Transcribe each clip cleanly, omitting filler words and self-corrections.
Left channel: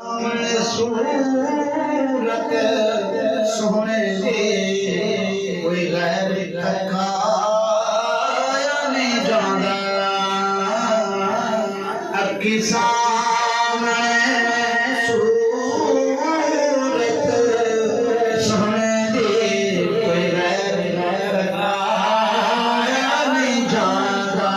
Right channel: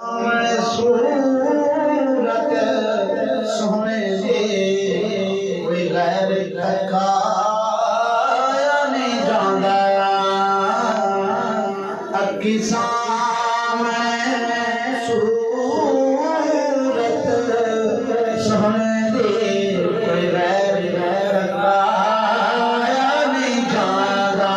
सूरत सोने दे कोई गैर तकाया नहीं जांदा अक्की सामने सूरत सोने दे कोई गैर तकाया नहीं जांदा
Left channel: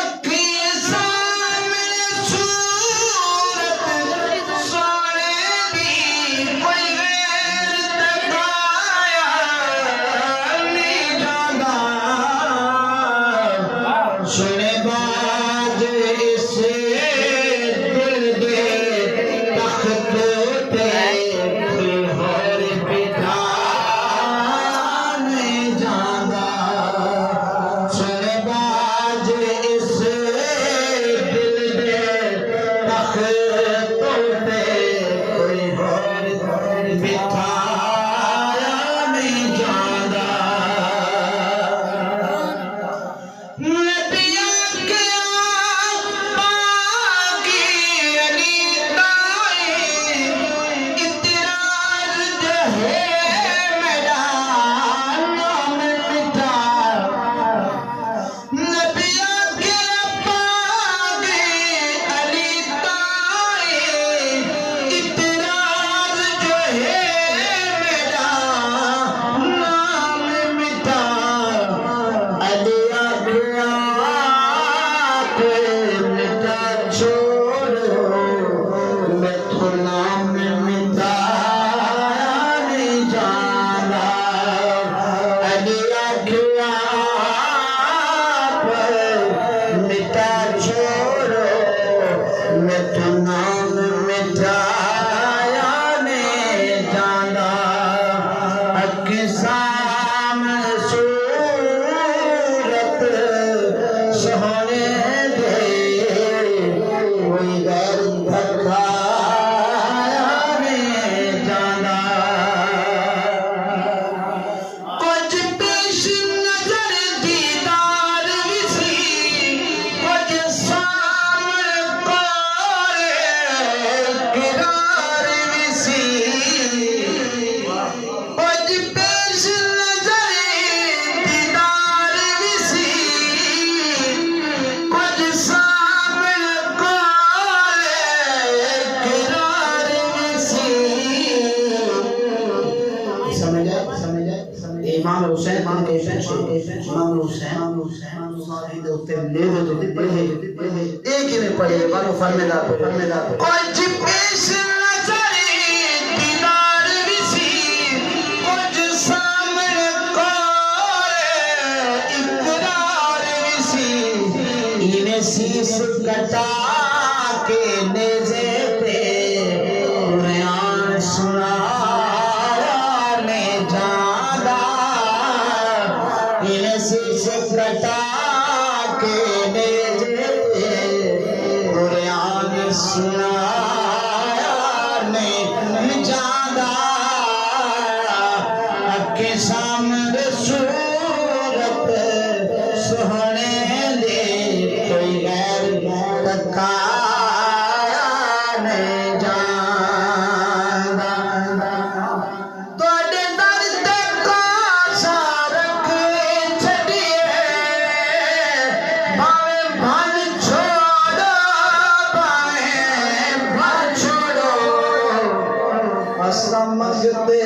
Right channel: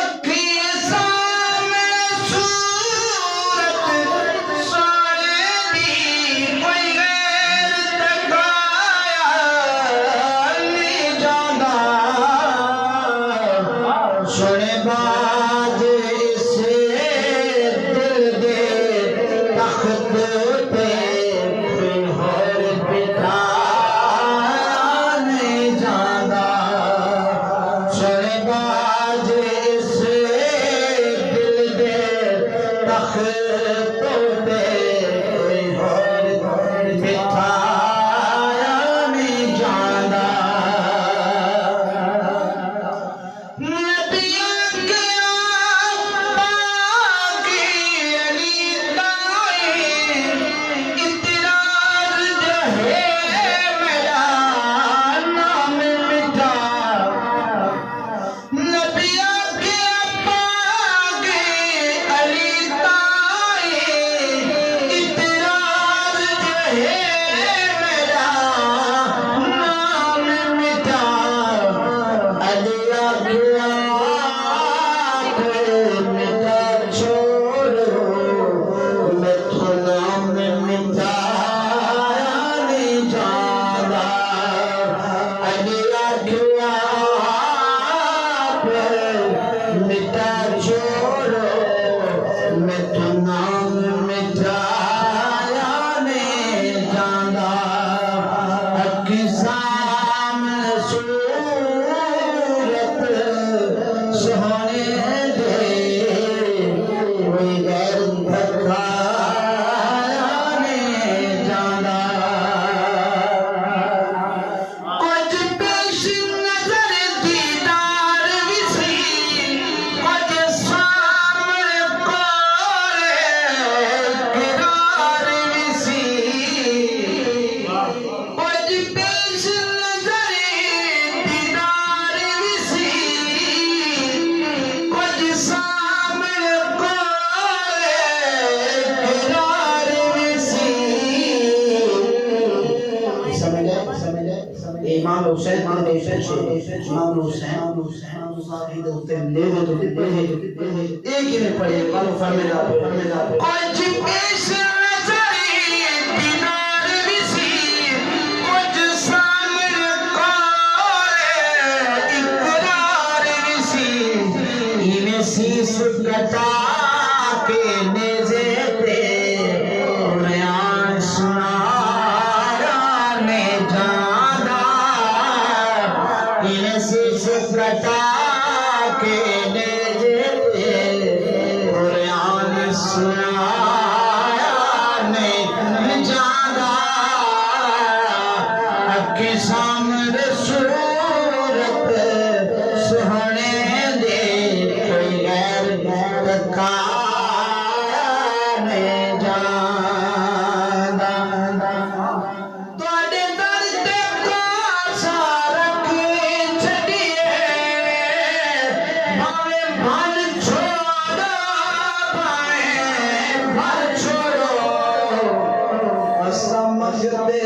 अक्की सामने सूरत सोने दी कोई गैर तकाया नहीं जांदा सुने बाज इस दिल दे तख्त ते होर बिठा नहीं जांदा सुने बाज इस दिल दे तख्त ते होर बिठाया नहीं जांदा इमाम हुसैन एक ही में पढ़े बालो फरमेदार और जिपेश नजरी दीदार विसी कुछ सामने कोरे इकरार विसी इन्हें शीश कटा के नेज़े पे बयान सुनाया ने जादा इन्हें शीश कटा के नेज़े पे बयान सुनाया ने जादा अक्के सामने सूरत सोहने दे कोई गैर तकाया नहीं जांदा तोड़े दर ते कोसा रख छड़िए भावे भन छोड़ो भावे भन छोड़ो असमझ ते